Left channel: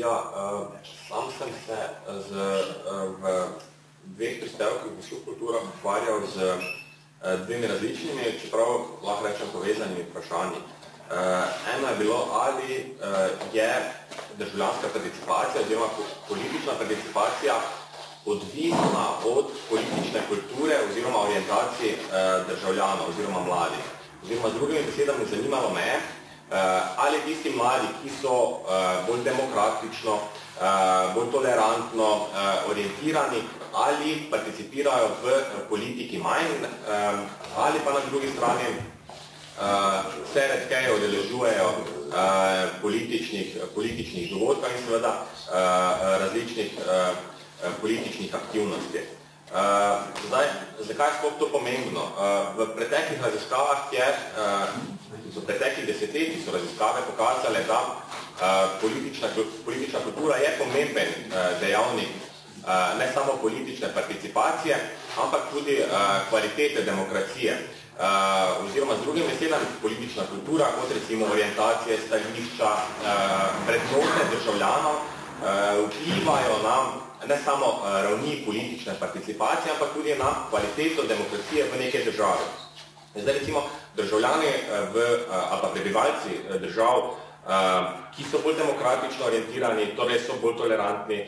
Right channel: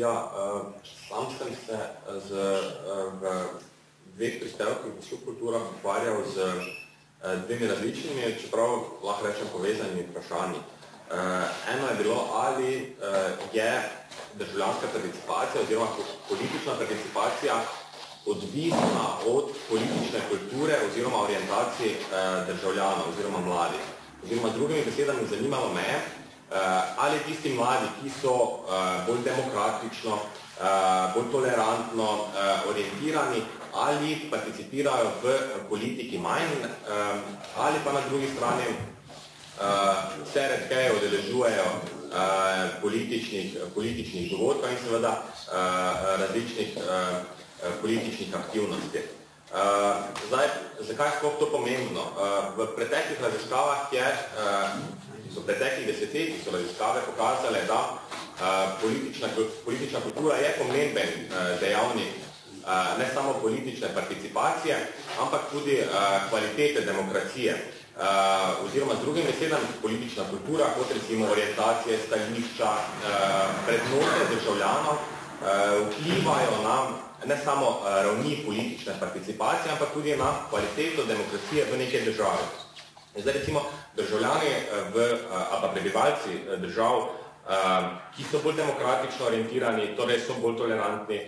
Ja, sam sem se v dveh prispevkih v subkulturah ukvarjal z dvemi različnimi, čeprav lahko rečem povezanimi vprašanji. Eno je bilo, ali je državljanska participacija oziroma politična participacija odvisna od politične kulture oziroma orientacij državljanov oziroma mladih. Oziroma z drugimi besedami zanimalo me, ali tisti mladi, ki so bolj demokratično, bolj tolerantno orientirani, ali participirajo v politiki manj, ali pa na drugi strani se redkeje udeležujejo političnih dogodkov in seveda različnih političnih aktivnosti. Zdaj, zakaj je sploh to pomembno? V preteklih raziskavah v preteklih desetletjih so raziskave pokazale, da politična kultura je pomemben dejavnik ne samo politične participacije, ampak tudi kvalitete demokracije. Oziroma z drugim besedami politična kultura, kot recimo orientacije, stališča, vrednote državljanov, vplivajo na ne samo ravni politične participacije, ampak tudi na kvaliteto demokracije v neke države. Zdaj recimo državljani ali pa prebivalci držav, ki so bolj demokratično orientirani, torej so bolj tolerantni,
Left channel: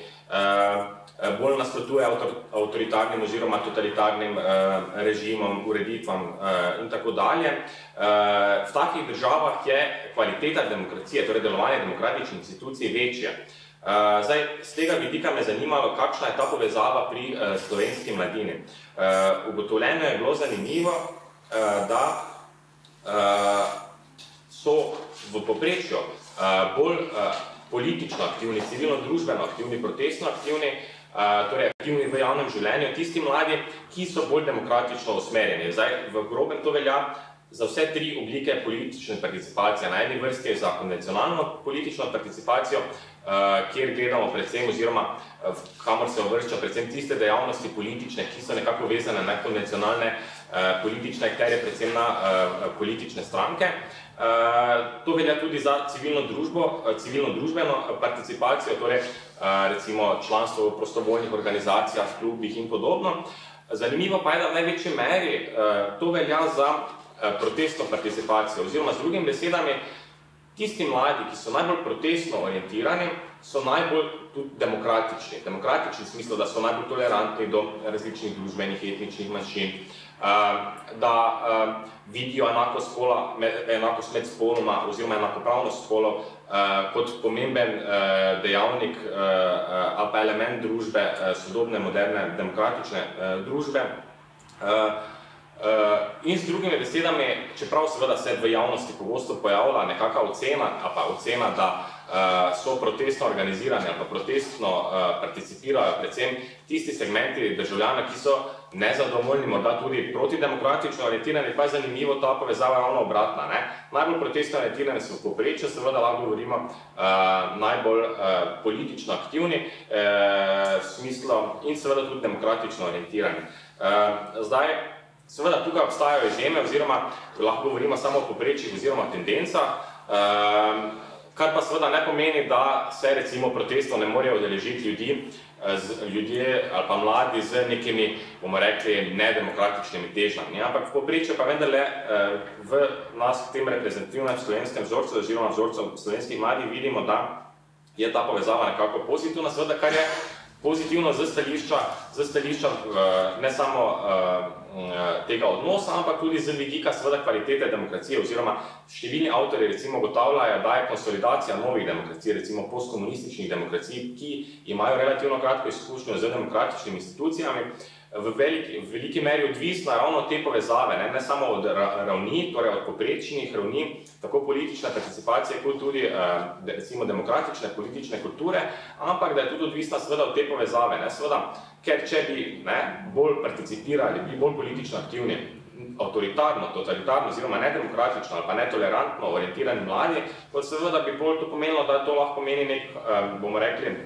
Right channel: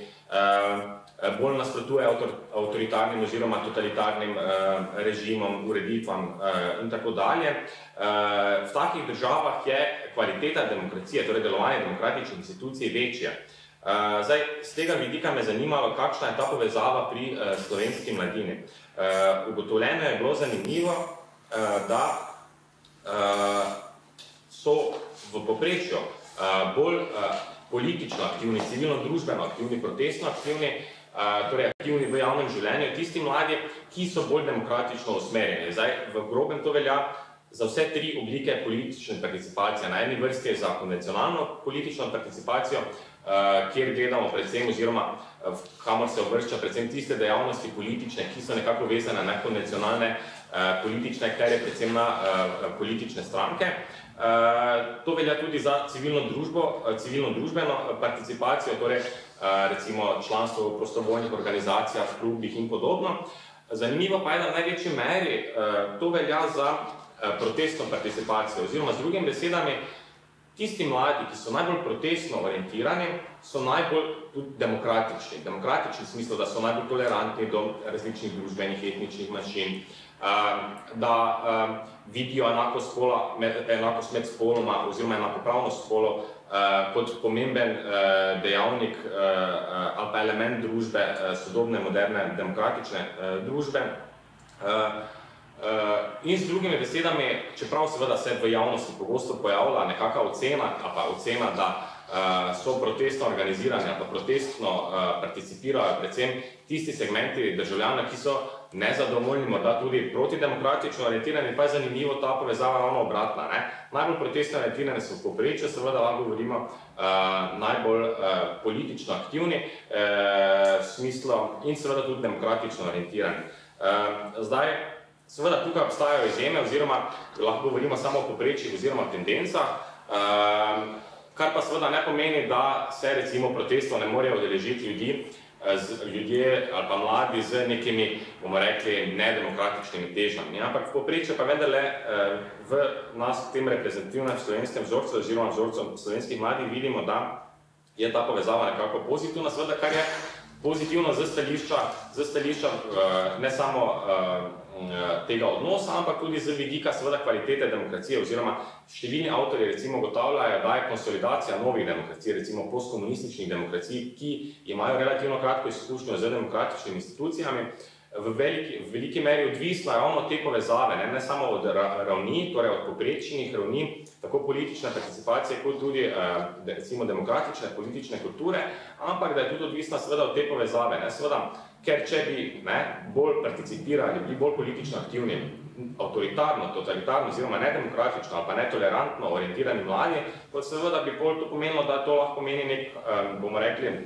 bolj nasprotujejo avtoritarnim oziroma totalitarnim režimom, ureditvam in tako dalje. V takih državah je kvaliteta demokracije, torej delovanje demokratičnih institucij večja. Zdaj, z tega vidika me zanimalo, kakšna je ta povezava pri slovenski mladini. Ugotovljeno je bilo zanimivo, da so v povprečju bolj politično aktivni, civilno-družbeno aktivni, protestno aktivni, torej aktivni v javnem življenju, tisti mladi, ki so bolj demokratično usmerjeni. Zdaj, v grobem to velja za vse tri oblike politične participacije. Na eni vrsti je za konvencionalno politično participacijo, kjer gledamo predvsem oziroma kamor se uvršča predvsem tiste dejavnosti politične, ki so nekako vezane na konvencionalne politične akterje, predvsem na politične stranke. To velja tudi za civilno-družbeno participacijo, torej recimo članstvo v prostovoljnih organizacijah, klubih in podobno. Zanimivo pa je, da v največji meri to velja za protestno participacijo, oziroma z drugimi besedami, tisti mladi, ki so najbolj protestno orientirani, so najbolj tudi demokratični. Demokratični v smislu, da so najbolj tolerantni do različnih družbenih, etničnih manjšin, da vidijo enakost med spoloma oziroma enakopravnost spolov kot pomemben dejavnik ali pa element družbe, sodobne, moderne, demokratične družbe. In z drugimi besedami, čeprav seveda se v javnosti pogosto pojavlja nekakva ocena, da so protestno organizirani ali pa protestno participirajo predvsem tisti segmenti državljana, ki so nezadovoljni, morda tudi protidemokratično orientirani, pa je zanimivo ta povezava ravno obratna. Najbolj protestno orientirani so v povprečju, seveda lahko govorimo najbolj politično aktivni in seveda tudi demokratično orientirani. Zdaj, seveda tukaj obstajajo izjeme oziroma lahko govorimo samo o povprečjih oziroma tendencah, kar pa seveda ne pomeni, da se recimo protestov ne morejo udeležiti ljudje ali pa mladi z nekimi, bomo rekli, nedemokratičnimi težnjami. Ampak v povprečju pa vendarle v nas v tem reprezentativnem slovenskem vzorcu oziroma vzorcu slovenskih mladih vidimo, da je ta povezava nekako pozitivna, seveda kar je pozitivno z stališča ne samo tega odnosa, ampak tudi z vidika seveda kvalitete demokracije oziroma številni avtorji recimo ugotavljajo, da je konsolidacija novih demokracij, recimo postkomunističnih demokracij, ki imajo relativno kratko izkušnjo z demokratičnimi institucijami, v veliki meri odvisna ravno od te povezave, ne samo od ravni, torej od povprečnih ravni, tako politične participacije, kot tudi recimo demokratične politične kulture, ampak da je tudi odvisna seveda od te povezave. Seveda, ker če bi bolj participirali, bi bolj politično aktivni, avtoritarno, totalitarno oziroma nedemokratično ali pa netolerantno orientirani mladi, kot seveda bi bolj to pomenilo, da to lahko pomeni nek, bomo rekli,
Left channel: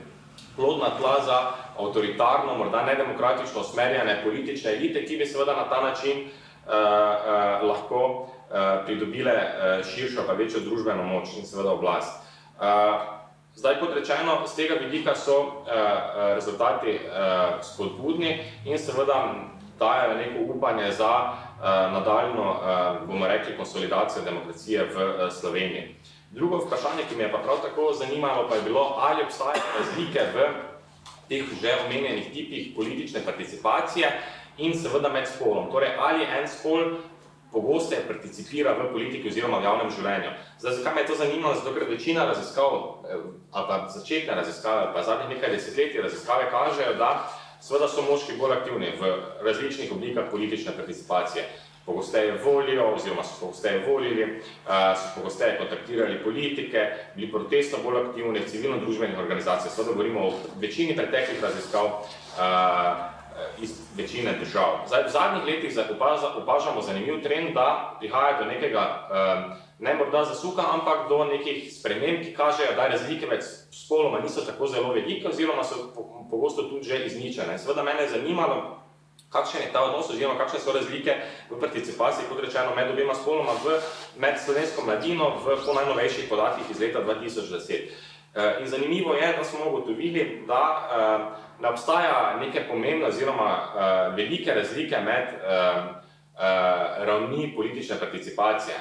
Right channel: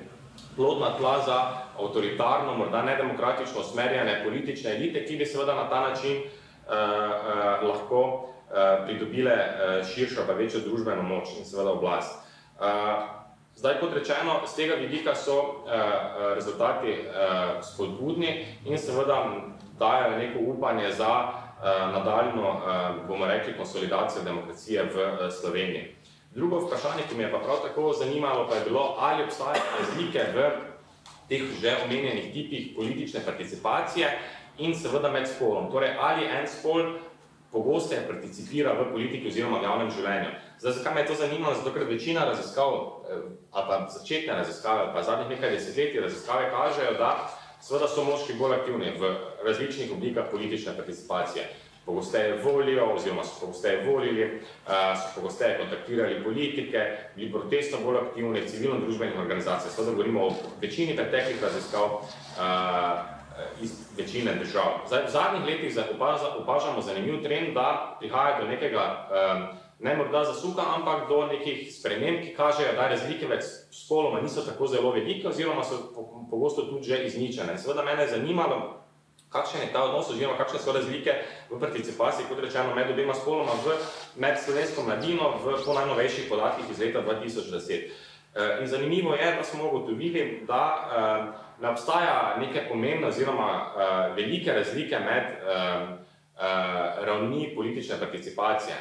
plodna tla za avtoritarno, morda nedemokratično usmerjene politične elite, ki bi seveda na ta način lahko pridobile širšo pa večjo družbeno moč in seveda oblast. Zdaj, kot rečeno, z tega vidika so rezultati spodbudni in seveda dajo neko upanje za nadaljno, bomo rekli, konsolidacijo demokracije v Sloveniji. Drugo vprašanje, ki me je pa prav tako zanimalo, pa je bilo, ali obstajajo razlike v teh že omenjenih tipih politične participacije in seveda med spolom. Torej, ali en spol pogosteje participira v politiki oziroma v javnem življenju. Zdaj, zakaj me je to zanimalo? Zato, ker večina raziskav, ali pa začetne raziskave, ali pa zadnjih nekaj desetletij raziskave kažejo, da seveda so moški bolj aktivni v različnih oblikah politične participacije. Pogosteje volijo, oziroma so pogosteje volili, so pogosteje kontaktirali politike, bili protestno bolj aktivni v civilno-družbenih organizacijah. Seveda govorimo o večini preteklih raziskav iz večine držav. Zdaj, v zadnjih letih opažamo zanimiv trend, da prihaja do nekega, ne morda zasuka, ampak do nekih sprememb, ki kažejo, da razlike med spoloma niso tako zelo velike, oziroma so pogosto tudi že izničene. Seveda mene je zanimalo, kakšen je ta odnos, oziroma kakšne so razlike v participaciji, kot rečeno, med obema spoloma med slovensko mladino po najnovejših podatkih iz leta 2010. In zanimivo je, da smo ugotovili, da ne obstaja neke pomembne oziroma velike razlike med ravni politične participacije.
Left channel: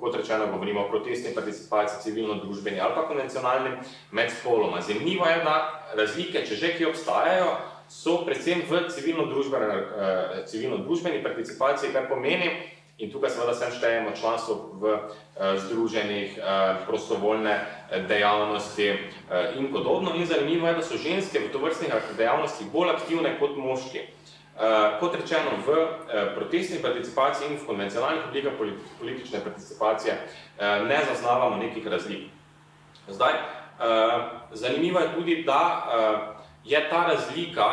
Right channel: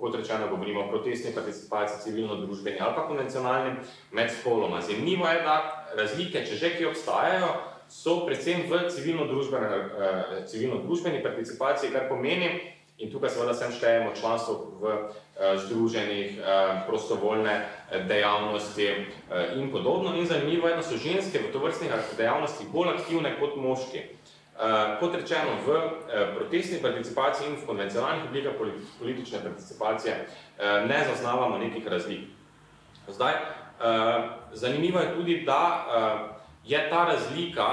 Kot rečeno, govorimo o protestni participaciji, civilno-družbeni ali pa konvencionalni med spoloma. Zanimivo je, da razlike, če že ki obstajajo, so predvsem v civilno-družbeni participaciji, kar pomeni, in tukaj seveda sem štejemo članstvo v združenih, prostovoljne dejavnosti in podobno. In zanimivo je, da so ženske v tovrstnih dejavnostih bolj aktivne kot moški. Kot rečeno, v protestni participaciji in v konvencionalnih oblikah politične participacije ne zaznavamo nekih razlik. Zdaj, zanimivo je tudi, da je ta razlika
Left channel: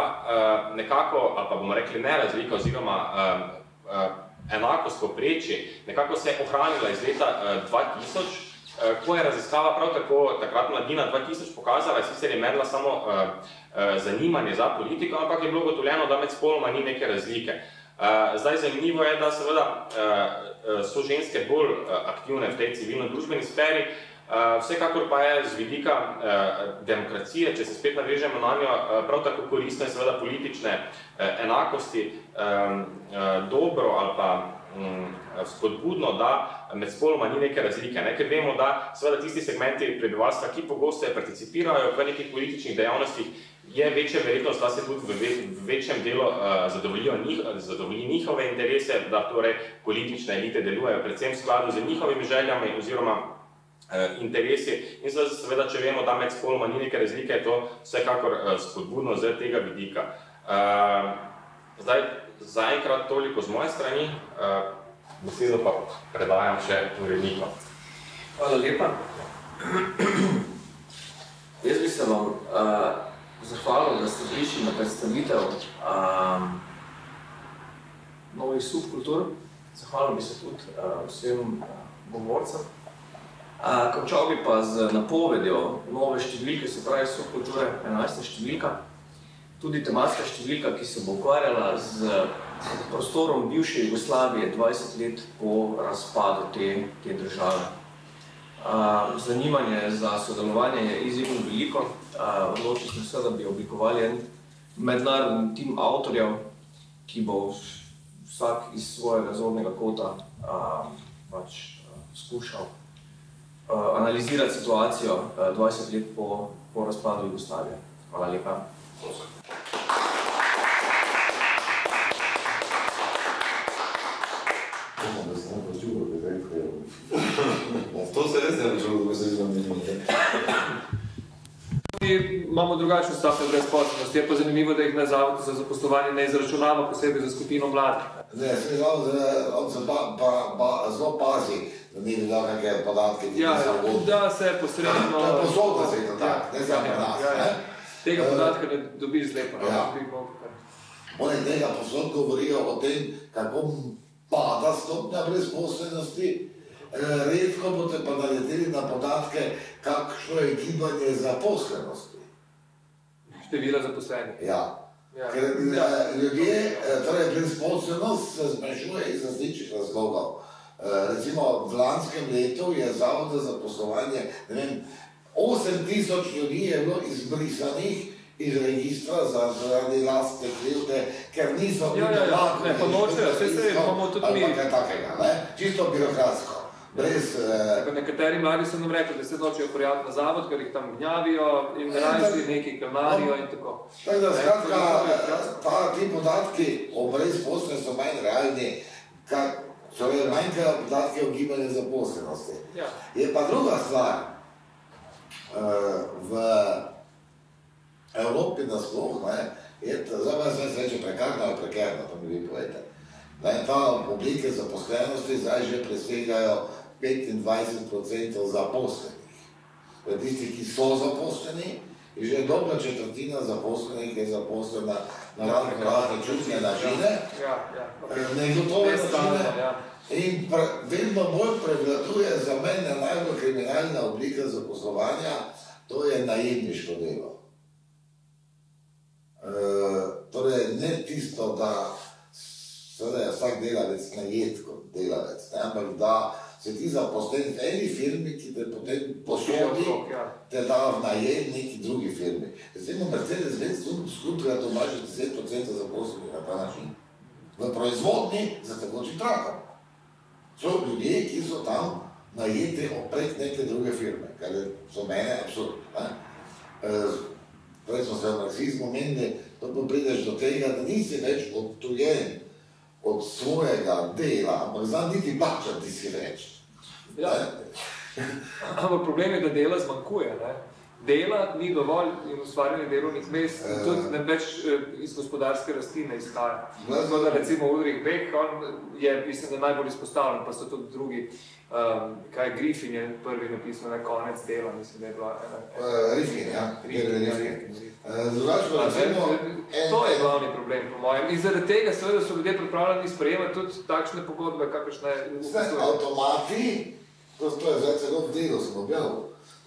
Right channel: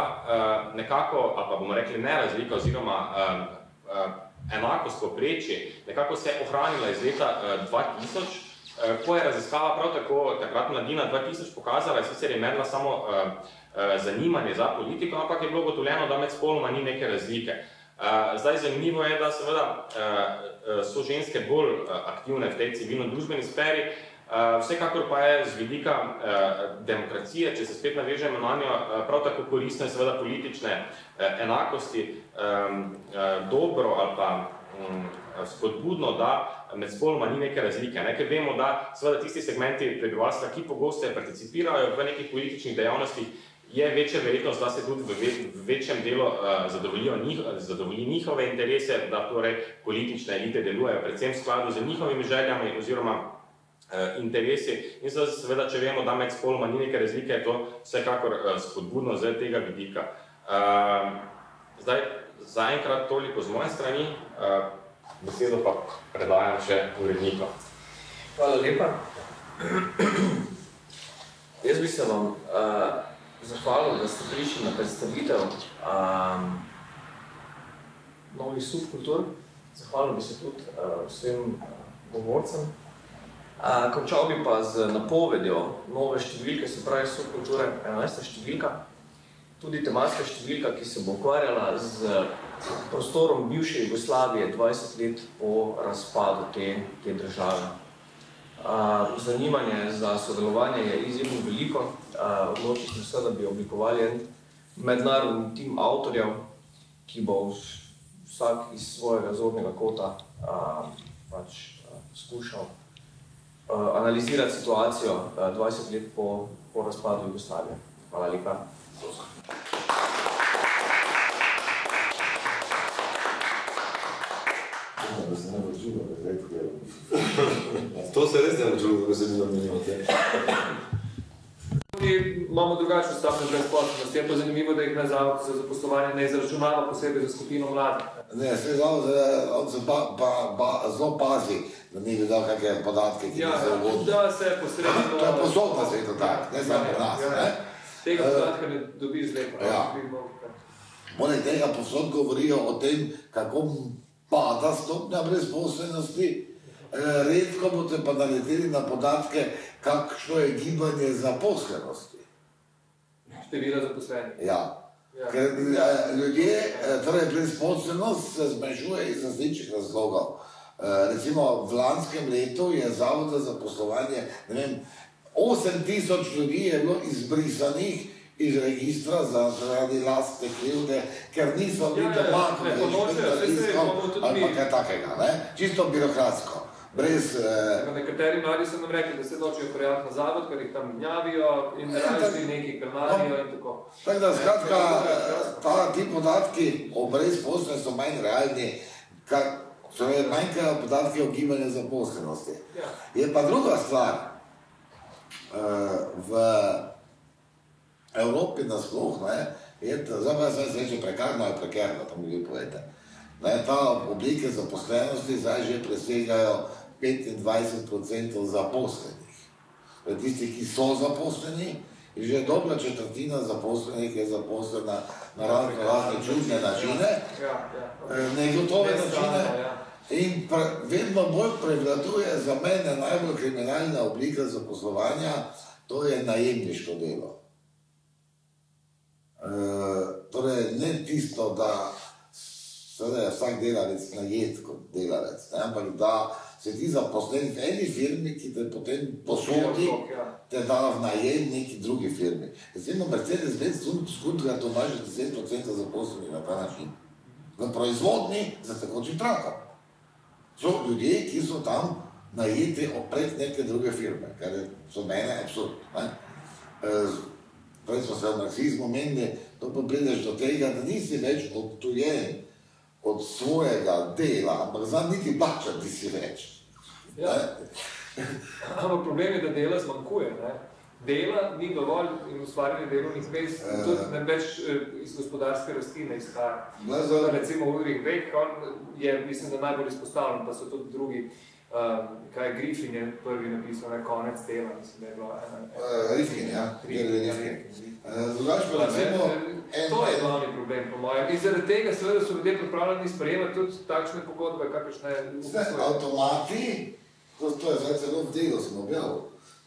nekako, ali pa bomo rekli ne razlika, oziroma enakost povprečje, nekako se je ohranila iz leta 2000, ko je raziskava prav tako takrat Mladina 2000 pokazala, sicer je merila samo zanimanje za politiko, ampak je bilo ugotovljeno, da med spoloma ni neke razlike. Zdaj, zanimivo je, da seveda so ženske bolj aktivne v tej civilno-družbeni sferi, vsekakor pa je z vidika demokracije, če se spet navežemo na njo, prav tako koristno in seveda politične enakosti dobro ali pa spodbudno, da med spoloma ni neke razlike. Ker vemo, da seveda tisti segmenti prebivalstva, ki pogosteje participirajo v nekih političnih dejavnostih, je večja verjetnost, da se tudi v večjem delu zadovolji njihove interese, da torej politične elite delujejo predvsem v skladu z njihovimi željami oziroma interesi. In seveda, če vemo, da med spoloma ni neke razlike, je to vsekakor spodbudno z tega vidika. Zdaj, zaenkrat toliko z moje strani, besedo pa predajam še urednikom. Hvala lepa. Jaz bi se vam zahvalil, da ste prišli na predstavitev novih subkultur. Zahvalil bi se tudi vsem govorcem. Končal bi pa z napovedjo nove številke, se pravi subkulture, 11. številka. Tudi tematska številka, ki se bo ukvarjala z prostorom bivše Jugoslavije 20 let po razpadu te države. Zanimanje za sodelovanje je izjemno veliko. Odločili smo se, da bi oblikovali en mednarodni tim avtorjev, ki bo vsak iz svojega zornega kota skušal analizirati situacijo 20 let po razpadu Jugoslavije. Hvala lepa. To se res ne počuva, da se Imamo drugačno stopnjo brezposelnosti, je pa zanimivo, da jih na Zavodu za zaposlovanje ne izračunava posebej za skupino mladih. Ne, on se pa zelo pazi, da ni bi dal neke podatke. Da se posredno... Posodno se je to tak, ne samo nas. Tega podatka ne dobiš zlepo. Oni tega posod govorijo o tem, kako pada stopnja brezposelnosti. Redko boste pa naleteli na podatke, kakšno je gibanje zaposlenosti. Števila zaposlenih. Ja. Ker ljudje, torej brezposelnost se zmanjšuje iz različnih razlogov. Recimo v lanskem letu je Zavod za zaposlovanje, ne vem, 8.000 ljudi je bilo izbrisanih iz registra zaradi lastne krivde, ker niso bili lahko. Ne, pa nočejo, vse imamo tudi mi. Ali pa kaj takega, ne? Čisto birokratsko. Nekateri mladi so nam rekli, da se nočejo prijaviti na zavod, ker jih tam gnjavijo in rajšli neki kalmarijo in tako. Ti podatki o brezposelnosti so manj realni, so manjkajo podatki o gibanju zaposlenosti. Je pa druga stvar, v Evropi nasploh, zdaj se reče prekarno ali prekerno, pa mi vi povejte. Ta oblike zaposlenosti zdaj že presegajo 25% zaposlenih. Tisti, ki so zaposleni, je že dobra četrtina zaposlenih je zaposlena na razne čudne načine, negotove načine. In vedno bolj prevladuje za mene najbolj kriminalna oblika zaposlovanja, to je najemniško delo. Torej, ne tisto, da je vsak delavec najet kot delavec, ampak da se ti zaposlen v eni firmi, ki te potem posodi, te da v najem neki drugi firmi. Zdajmo Mercedes-Benz skupaj to važi 10% zaposlenih na ta način. V proizvodni za tekočim trakom. So ljudje, ki so tam najeti opred neke druge firme, kar je za mene absurd. Prej smo se v marksizmu menili, to pa prideš do tega, da nisi več odtujen od svojega dela, ampak znam niti plačati si več. Ja, ampak problem je, da dela zmanjkuje. Dela ni dovolj in ustvarjanje delovnih mest, tudi ne več iz gospodarske rasti ne izhaja. Tako da recimo Ulrich Beck, on je, mislim, da najbolj izpostavljen, pa so tudi drugi, kaj Griffin je prvi napisal, konec dela, mislim, da je bila Rifkin. To je glavni problem, po mojem. In zaradi tega seveda so ljudje pripravljeni sprejemati tudi takšne pogodbe, kakršne upisuje. Avtomati, to je zdaj celo v delu smo bil,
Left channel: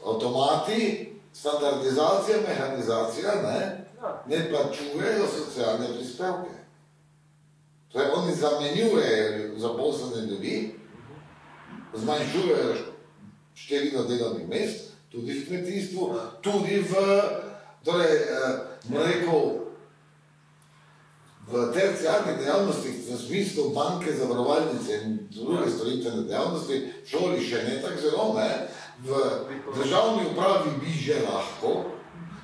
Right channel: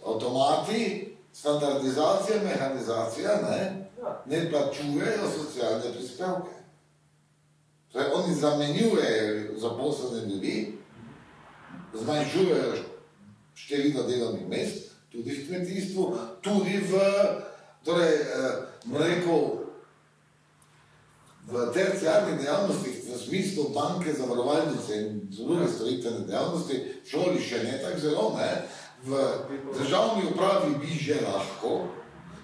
avtomati, standardizacija, mehanizacija, ne plačujejo socialne prispevke. Torej, oni zamenjujejo zaposlene ljudi, zmanjšujejo število delovnih mest, tudi v kmetijstvu, tudi v, torej, v terciarnih dejavnostih, v smislu banke, zavarovalnice in druge storitvene dejavnosti, šoli še ne tako zelo, v državni upravi bi že lahko.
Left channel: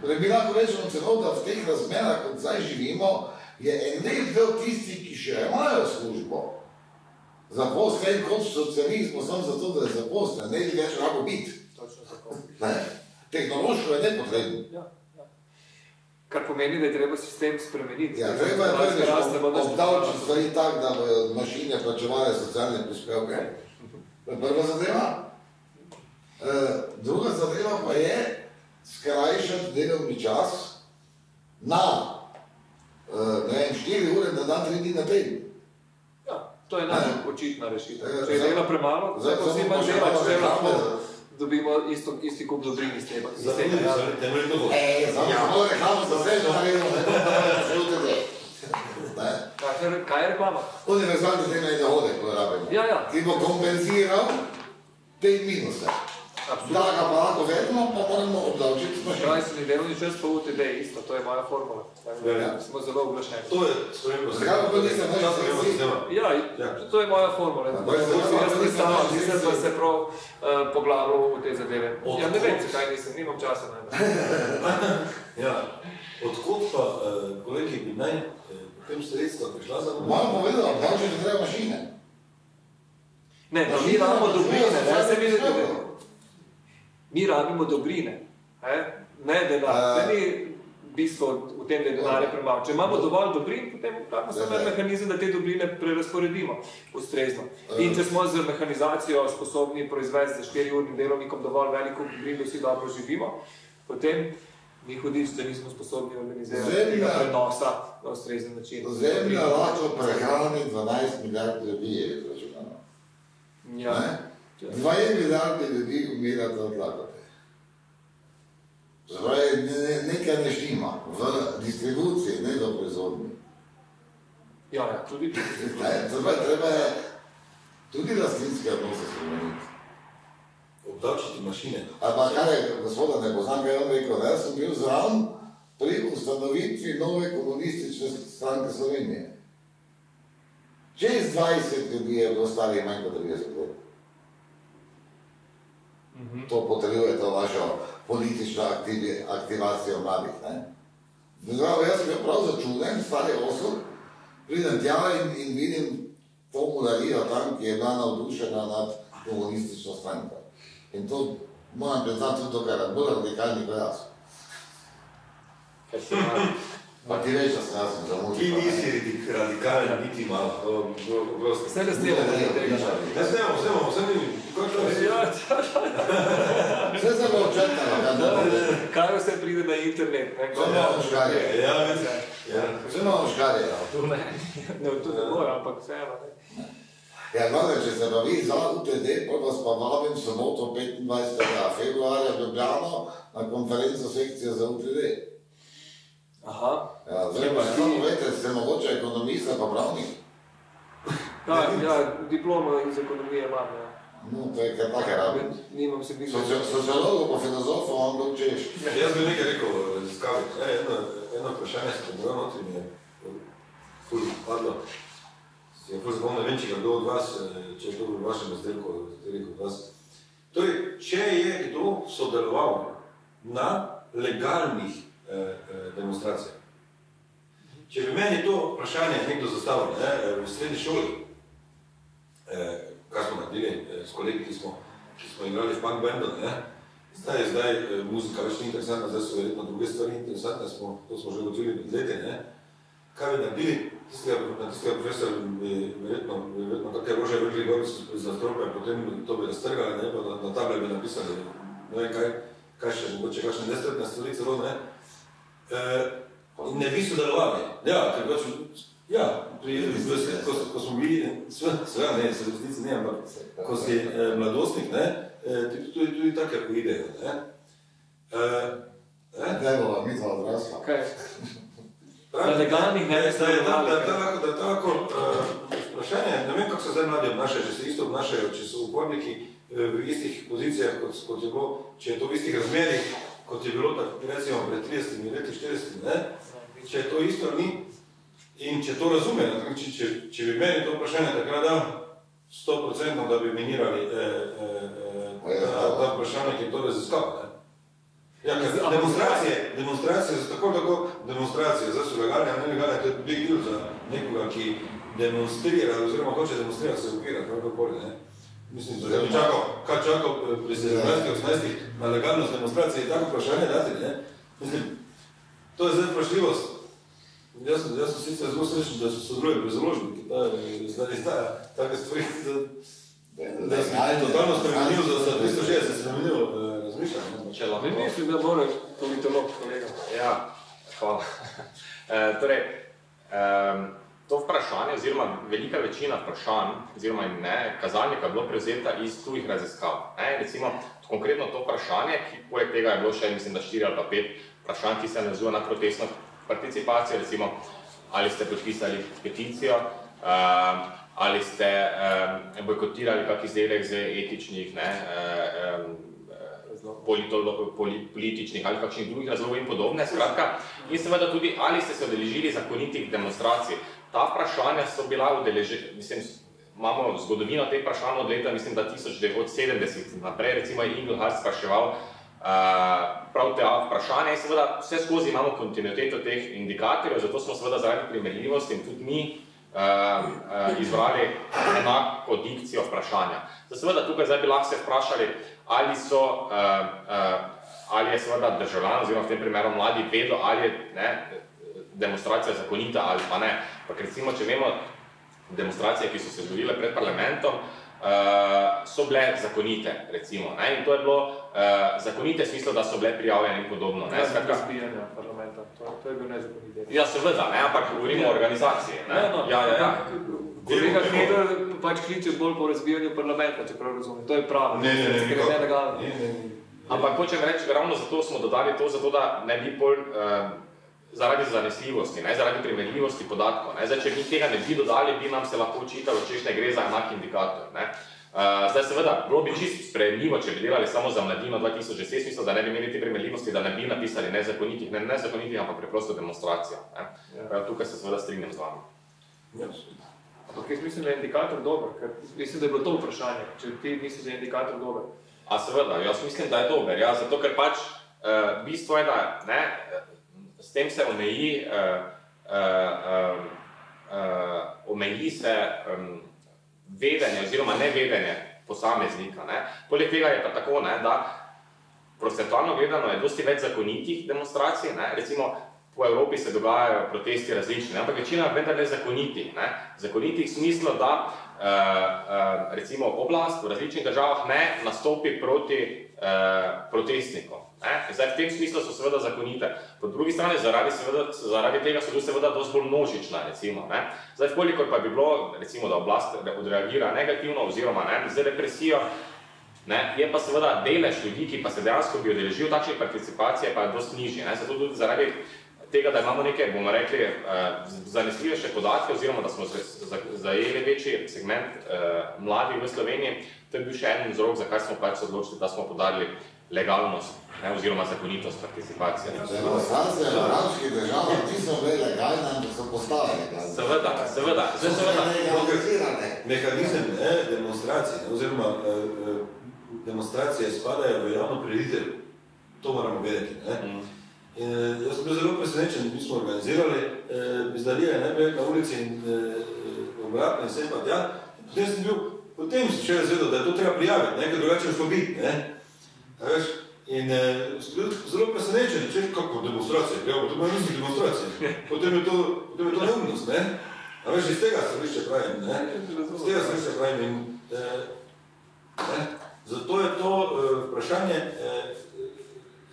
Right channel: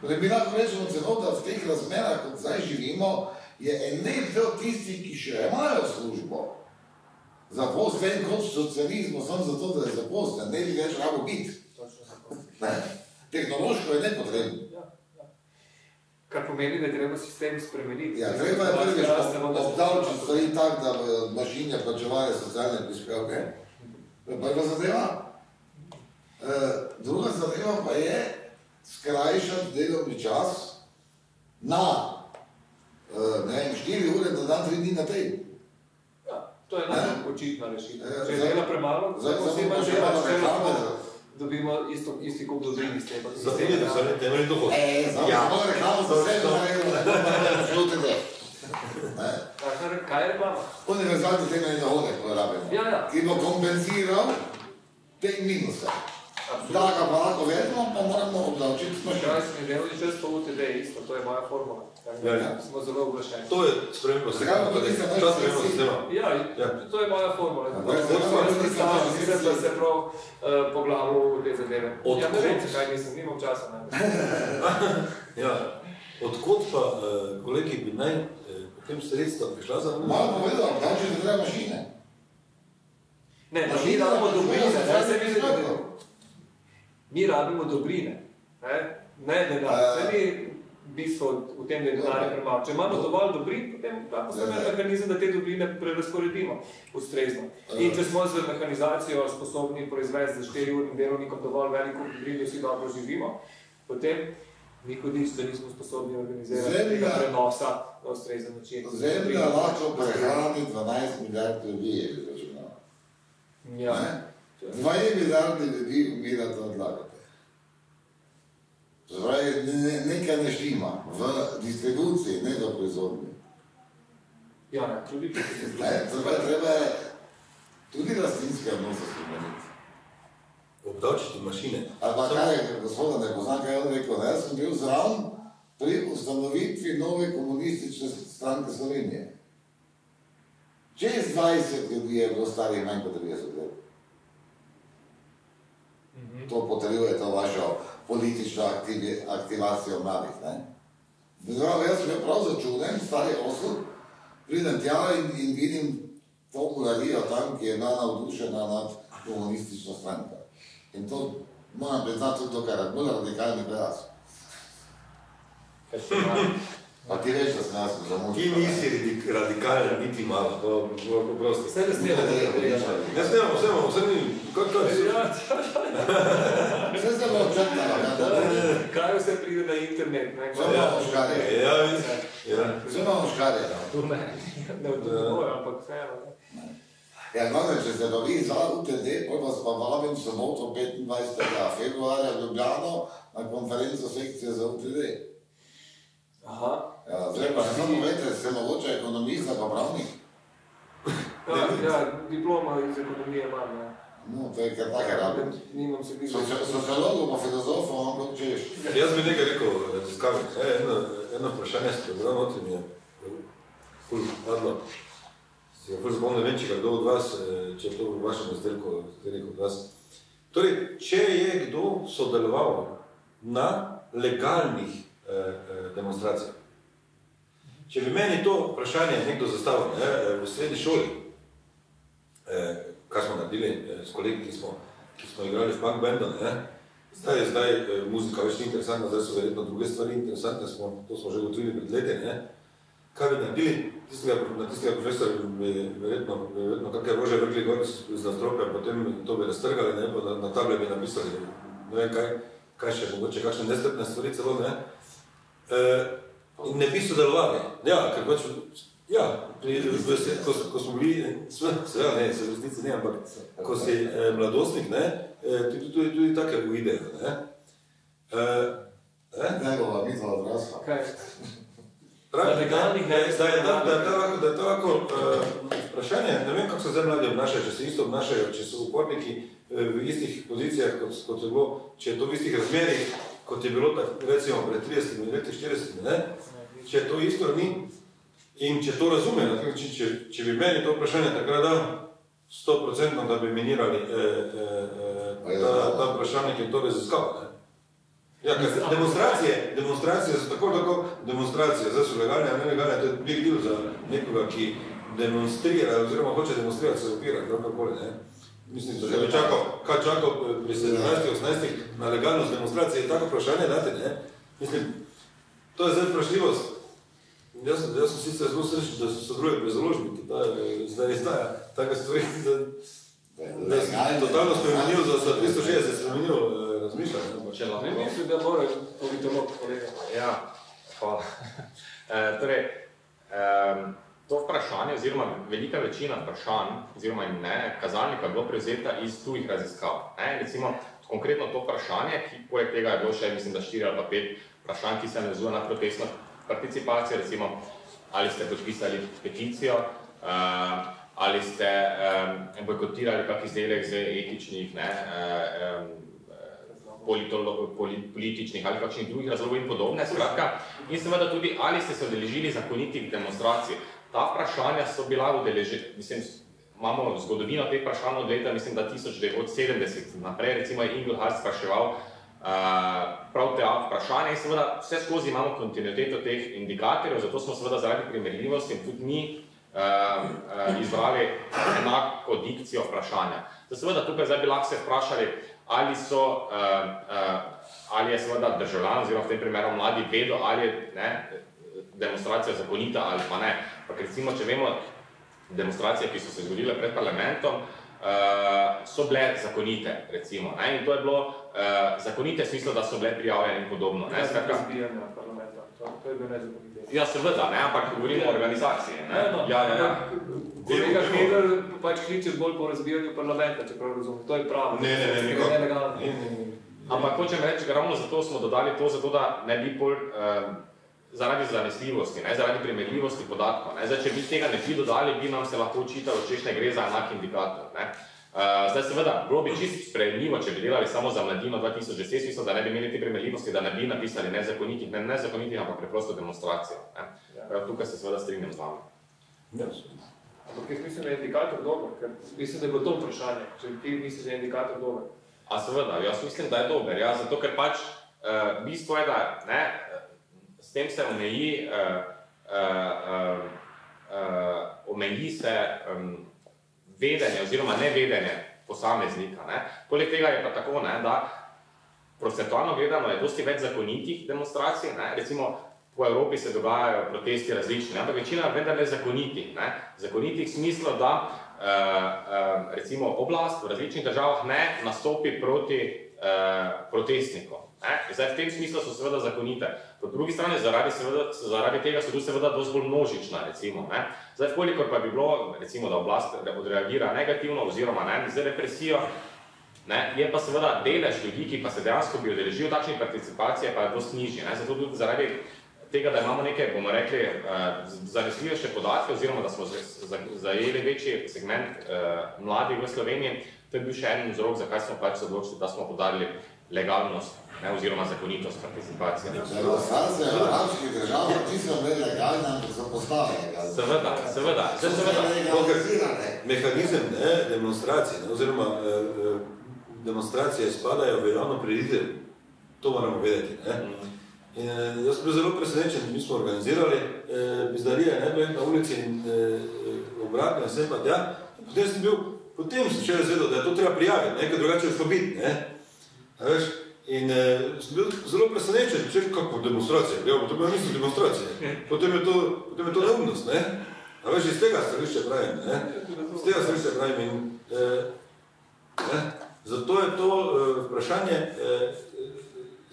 Mi lahko rečemo celo, da v teh razmerah, kot zdaj živimo, je en del tisti, ki še imajo službo, zaposlen kot v socializmu, samo zato, da je zaposlen, ne bi več lahko biti. Tehnološko je nepotrebno. Kar pomeni, da je treba sistem spremeniti. Ja, treba je obdavčiti stvari tak, da bojo mašine plačevajo socialne prispevke. Prva zadeva. Druga zadeva pa je skrajšati delovni čas na 4 ure na dan, 3 dni na teden. Ja, to je najbolj očitna rešitev. Če je dela premalo, zdaj bo vsi manj delati, če lahko dobimo isti kup dobrin iz tega. Samo reklamo za vse, da naredimo, Kaj je reklama? Univerzalni temeljni dohodek, ko rabimo. Ki bo kompenziral te minuse. Da ga pa lahko vedno, pa moramo obdavčiti. Skrajšani delovni čas pa UTD isto, to je moja formula. Smo zelo oglašeni. To je spremembo sistema. Ja, to je moja formula. Jaz predstavljam, nisem pa se prav poglavljal v te zadeve. Ja, ne vem, kaj nisem, nimam časa najbolj. Ja, odkot pa, kolegi, bi naj tem sredstva prišla za moj? Malo povedal, obdavčiti treba mašine. Ne, pa mi rabimo dobrine, ne, mi rabimo dobrine, ne denar. To ni bistvo v tem, da je denar premalo. Če imamo dovolj dobrin, potem imamo samo en mehanizem, da te dobrine prerasporedimo ustrezno. In če smo z mehanizacijo sposobni proizvesti za 4-urnim delovnikom dovolj veliko dobrin, da vsi dobro živimo, potem ni hudič, da nismo sposobni organizirati tega prenosa na ustrezen način. Zemlja lahko prehrani 12 milijard ljudi je izračunala. Ja. 2 milijarde ljudi umirata od lakote. Zdaj, nekaj ne šima v distribuciji, ne v proizvodnji. Ja, tudi tu se Treba je tudi lastninske odnose spremeniti. Obdavčiti mašine. A pa kaj je, gospoda ne poznam, kaj je on rekel, da jaz sem bil zraven pri ustanovitvi nove komunistične stranke Slovenije. Čez 20 ljudi je bilo starih manj kot 30 let. To potrjuje to vašo politično aktivacijo mladih, ne? Jaz sem bil prav začuden, stari osud, pridem tja in vidim to mularijo tam, ki je bila navdušena nad komunistično stranko. In to moram priznati tudi to, kar je bolj radikalni kot jaz. Ker se pravi. Pa ti veš, da sem jaz samo Ti nisi radikalja, niti malo, to bilo prosto. Vse ne snemo tega. Ja, snemo, vse ni, kakšno je? Vse se bo odčekalo. Kaj vse pride na internet, ne? Vse malo škali, da. Tu ne. Ne, to ne bojo, ampak vseeno, ne. Ja, gledaj, če se bavi za UTD, pa vas pa vabim soboto 25. februarja v Ljubljano na konferenco sekcije za UTD. Aha. Ja, zdaj pa samo vete, ste mogoče ekonomista pa pravnik? Ja, diploma iz ekonomije imam, ja. No, to je kar take rabim. Nimam se biti. Sociologov pa filozofov vam bo učeš. Jaz bi nekaj rekel raziskaviti. Eno vprašanje se zelo noti mi je ful hladno. Se je ful zapomnil, ne vem, če kdo od vas, če je to v vašem razdelku, od vas. Torej, če je kdo sodeloval na legalnih demonstracijah. Če bi meni to vprašanje nekdo zastavil v srednji šoli, kaj smo naredili s kolegi, ki smo igrali v punk bandu, zdaj muzika več ni interesantna, zdaj so verjetno druge stvari interesantne, to smo že gotovili pred leti, kaj bi naredili, tistega profesora bi verjetno kakaj rože vrgli gor za strope, potem to bi raztrgali, pa na table bi napisali, ne vem kaj še, mogoče kakšne nestrpne stvari celo, ne bi sodelovali. Ja, ker pač, ko smo bili, seveda ne, se v resnici ne, ampak ko si mladostnik, tudi take idejo, Kaj bo vam mitla odrasla? Kaj? Na legalnih ne bi sodelovali. Da je to lahko vprašanje, ne vem, kako se zdaj mladi obnašajo, če se isto obnašajo, če so uporniki v istih pozicijah, kot je bilo, če je to v istih razmerih, kot je bilo, recimo, pred 30 leti, 40, če je to isto ni in če to razume, če bi meni to vprašanje takrat dal 100%, da bi minirali ta vprašanje, ki je to raziskal. Ja, demonstracije so tako demonstracije, zdaj so legalne, a ne legalne, to je big deal za nekoga, ki demonstrira, oziroma hoče demonstrirati, se opira, kakorkoli, Mislim, da bi čakal pri 17-18 na legalnost demonstracije je tako vprašanje dati, Mislim, to je zdaj vprašljivost. Jaz sem sicer zelo srečen, da so sodeluje pri založniki, da izdaja take stvari, da je totalno spremenil, da so 260 spremenil razmišljanje. Ne mislim, da mora politolog, kolega. Ja, hvala. Torej, to vprašanje, oziroma velika večina vprašanj, oziroma kazalnika je bilo prevzeta iz tujih raziskav. Recimo, konkretno to vprašanje, ki poleg tega je bilo še, mislim, da 4 ali pa 5 vprašanj, ki se navezuje na protestno participacijo, recimo, ali ste podpisali peticijo, ali ste bojkotirali kak izdelek z etičnih, političnih ali kakšnih drugih razlogov in podobne, skratka, in seveda tudi, ali ste se udeležili zakonitih demonstracij. Ta vprašanja so bila mislim, imamo zgodovino teh vprašanj od leta, mislim, da 1970 naprej, recimo je Inglehart spraševal prav te vprašanja in seveda vse skozi imamo kontinuiteto teh indikatorjev, zato smo seveda zaradi primerljivosti in tudi mi izbrali enako dikcijo vprašanja. Seveda tukaj zdaj bi lahko se vprašali, ali je seveda državljan, oziroma v tem primeru mladi, vedo, ali je demonstracija zakonita ali pa ne. Pa recimo, če vemo, demonstracije, ki so se zgodile pred parlamentom, so bile zakonite, recimo. In to je bilo zakonite v smislu, da so bile prijavljene in podobno. Razbijanje parlamenta, to je bil nezakonit. Ja, seveda, ampak govorimo o organizaciji. Kolega Knedl pač kliče bolj po razbijanju parlamenta, čeprav razumem. To je pravo, ker je nelegalno. Ampak hočem reči, ravno zato smo dodali to, zato da ne bi bolj zaradi zanesljivosti, zaradi primerljivosti podatkov. Zdaj, če bi tega ne bi dodali, bi nam se lahko učitalo, češ ne gre za enak indikator. Zdaj seveda, bilo bi čisto sprejemljivo, če bi delali samo za mladino 2010, mislim, da ne bi imeli te primerljivosti, da ne bi napisali nezakonitih, ampak preprosto demonstracijo. Tukaj se seveda strinjam z vami. Ampak jaz mislim, da je indikator dober, ker mislim, da je bilo to vprašanje, če ti misliš, da je indikator dober. A seveda, jaz mislim, da je dober, ja, zato ker pač bistvo je, da s tem se omeji se vedenje oziroma nevedenje posameznika. Poleg tega je pa tako, da procentualno gledano je dosti več zakonitih demonstracij, recimo po Evropi se dogajajo protesti različni, ampak večina vendar ne zakonitih. Zakonitih v smislu, da recimo oblast v različnih državah ne nastopi proti protestnikom. Zdaj, v tem smislu so seveda zakonite. Po drugi strani, zaradi tega so tudi seveda dosti bolj množična, recimo. Zdaj, kolikor pa bi bilo, recimo, da oblast odreagira negativno oziroma z represijo, je pa seveda delež ljudi, ki pa se dejansko bi udeležil takšne participacije, pa je dosti nižji. Zato tudi zaradi tega, da imamo neke, bomo rekli, zanesljivejše podatke oziroma da smo zajeli večji segment mladih v Sloveniji, to je bil še en vzrok, zakaj smo pač se odločili, da smo podarili legalnost oziroma zakonitost participacije. Seveda. Mehanizem demonstracije oziroma demonstracije spadajo v javno prireditev. To moramo vedeti. In jaz sem bil zelo presenečen, mi smo organizirali bizdarije, na ulici in obratno, vsem pa tja. Potem sem še razvedel, da je to treba prijaviti, nekaj drugače fobiti. In sem bil zelo presenečen, če kako demonstracije, to bi nisem demonstracije, potem je to neumnost. Iz tega stališča pravim. In zato je to vprašanje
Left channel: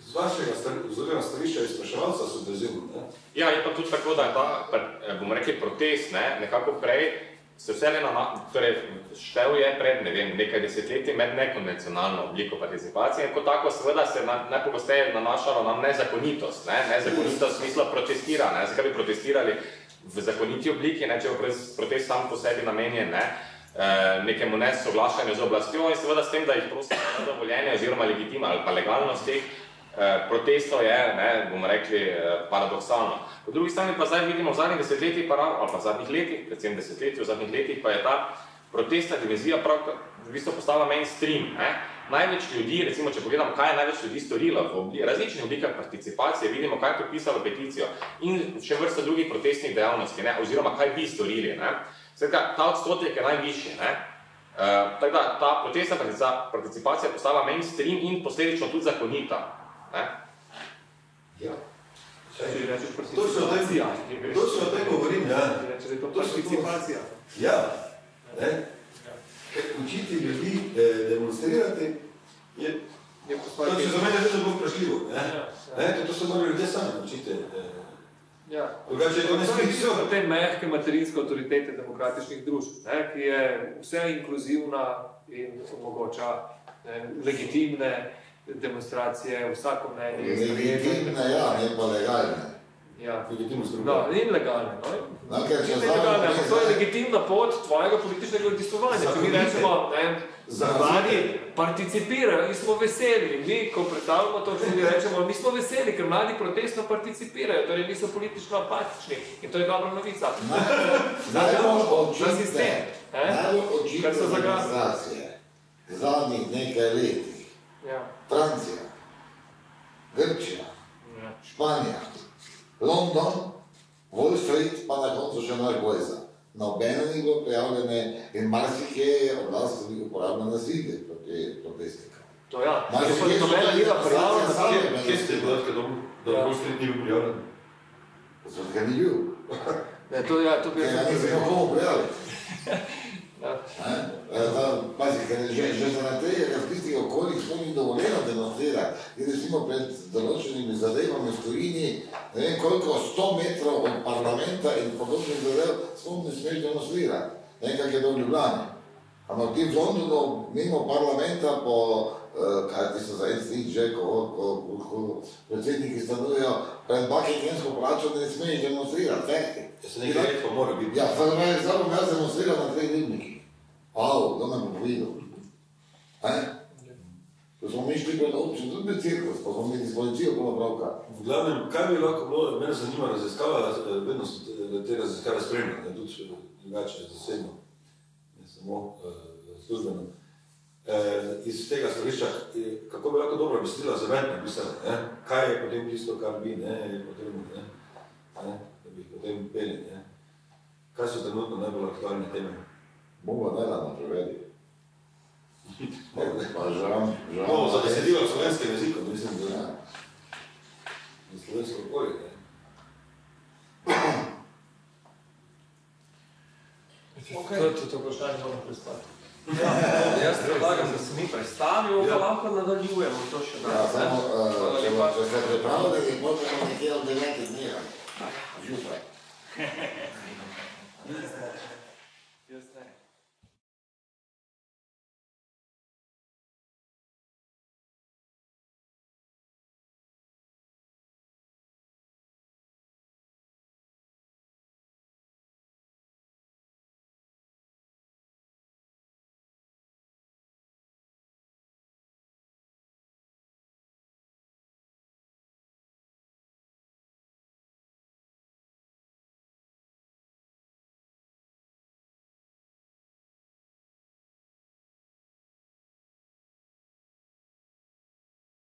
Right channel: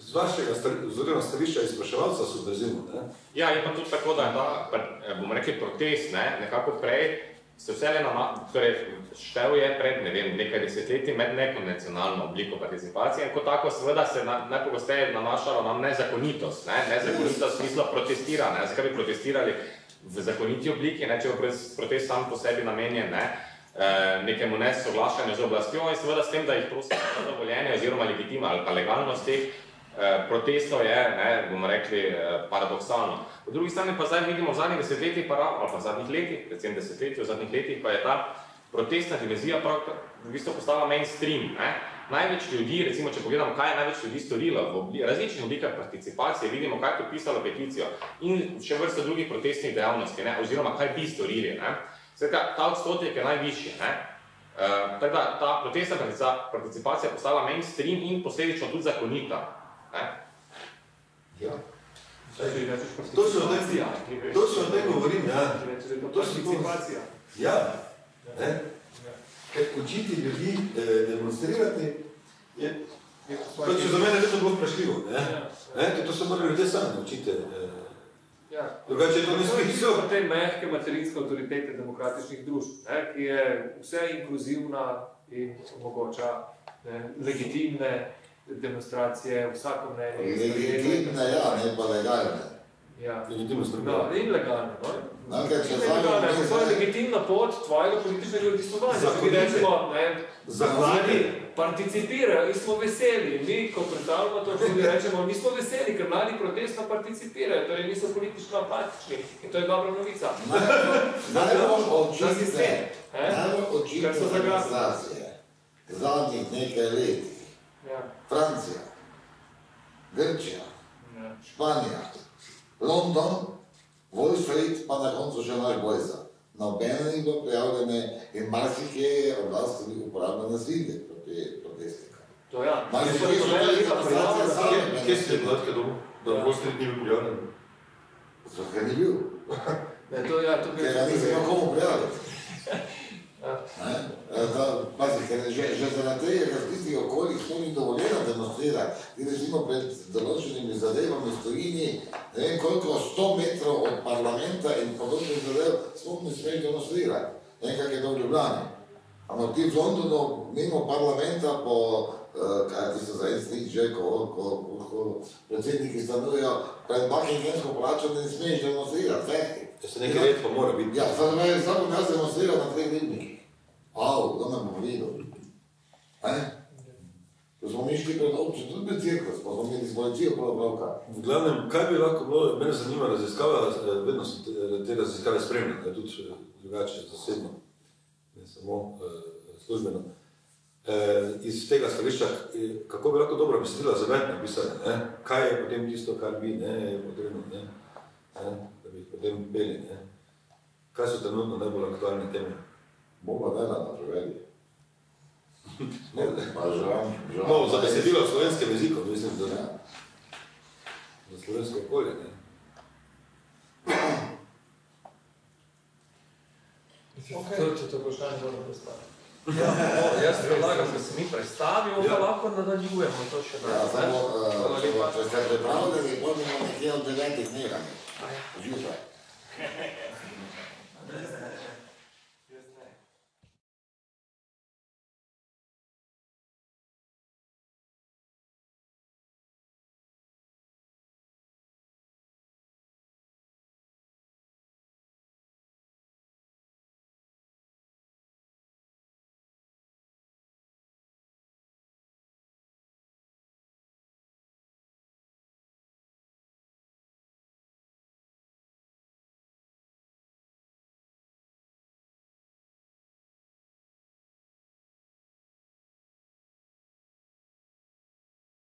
z vašega stališča izpraševalca subverzivno. Ja, je pa tudi tako, da bomo rekli protest, nekako prej se vse štev je pred nekaj desetletji med nekonvencionalno obliko participacije in kot tako seveda se najpogosteje nanašalo na nezakonitost. Nezakonitost v smislu protestiranja. Zakaj bi protestirali v zakoniti obliki, če bo protest sam po sebi namenjen nekemu nesoglašanju z oblastjo in seveda s tem, da jih prosim na dovoljenje oziroma legitima ali pa legalnost teh protestov je, bomo rekli, paradoksalno. Po drugi strani pa zdaj vidimo v zadnjih desetletjih, ali pa v zadnjih letih, predvsem desetletji, v zadnjih letih pa je ta protestna dimenzija v bistvu postala mainstream. Največ ljudi, recimo, če pogledamo, kaj je največ ljudi storilo v različnih oblikah participacije, vidimo, kaj je podpisalo peticijo in še vrsta drugih protestnih dejavnosti, oziroma kaj bi storili. Skratka, ta odstotek je najvišji. Tako da ta protestna participacija je postala mainstream in posledično tudi zakonita. Ja. Točno o tem govorim, ja. Če je to participacija. Ja. Ker učiti ljudi demonstrirati je za mene vedno bolj vprašljivo. To se morajo ljudje sami učiti. To te mehke materinske avtoritete demokratičnih družb, ki je vse inkluzivna in omogoča legitimne demonstracije, vsako mnenje. Legitimne, ne pa legalne. In legalne. To je legitimna pot tvojega političnega udejstvovanja. Če mi rečemo, mladi participirajo in smo veseli. Mi, ko predstavljamo to, če rečemo, mi smo veseli, ker mladi protestno participirajo, torej niso politično apatični. In to je dobra novica. Za družbo, za sistem. Najbolj očitne demonstracije zadnjih nekaj letih. Francija, Grčija, Španija, London, Wall Street, pa na koncu še Margojza. Nobene ni bilo prijavljene in marsikje je oblast uporabljena nasilje proti protestnika. To ja, nobene ni bila prijavljena. Kje ste podatke, da Wall Street ni bil prijavljen? Zato, ker ni bil. To bi ker ga nismo komu prijavljati. Pazi, ker že zaradi tega, ker v tistih okoljih to ni dovoljeno demonstrirati. In recimo pred določenimi zadevami v tujini, ne vem koliko 100 metrov od parlamenta in podobnih zadev sploh ne smeš demonstrirati. Ne vem, kak je to v Ljubljani. Ampak ti v Londonu, mimo parlamenta, kaj ti so za en stik že, ko predsedniki stanujejo, pred Buckinghamsko palačo ne smeš demonstrirati, fekti. Se nekaj redko mora biti. Ja, samo bom jaz demonstriral na 3 ribnikih. Kdo nam bo videl? tudi med cirkus, ko smo imeli s policijo bilo pravka. V glavnem, kaj bi lahko bilo, mene zanima raziskava, vedno so te raziskave spremljene, tudi drugače zasebno, ne samo službeno. Iz tega stališča, kako bi lahko dobro mislila za med napisati, kaj je potem tisto, kar bi, je potrebno, da bi potem bili, kaj so trenutno najbolj aktualne teme? Bomo dala na prevedi. No, za besedilo slovenskega jezika, mislim, da za slovensko okolje, To vprašanje moram prestati. Jaz predlagam, da se mi predstavimo, pa lahko nadaljujemo to še danes. Hvala lepa. Pravno, da je možemo nekje od 9 dneva. Žužaj.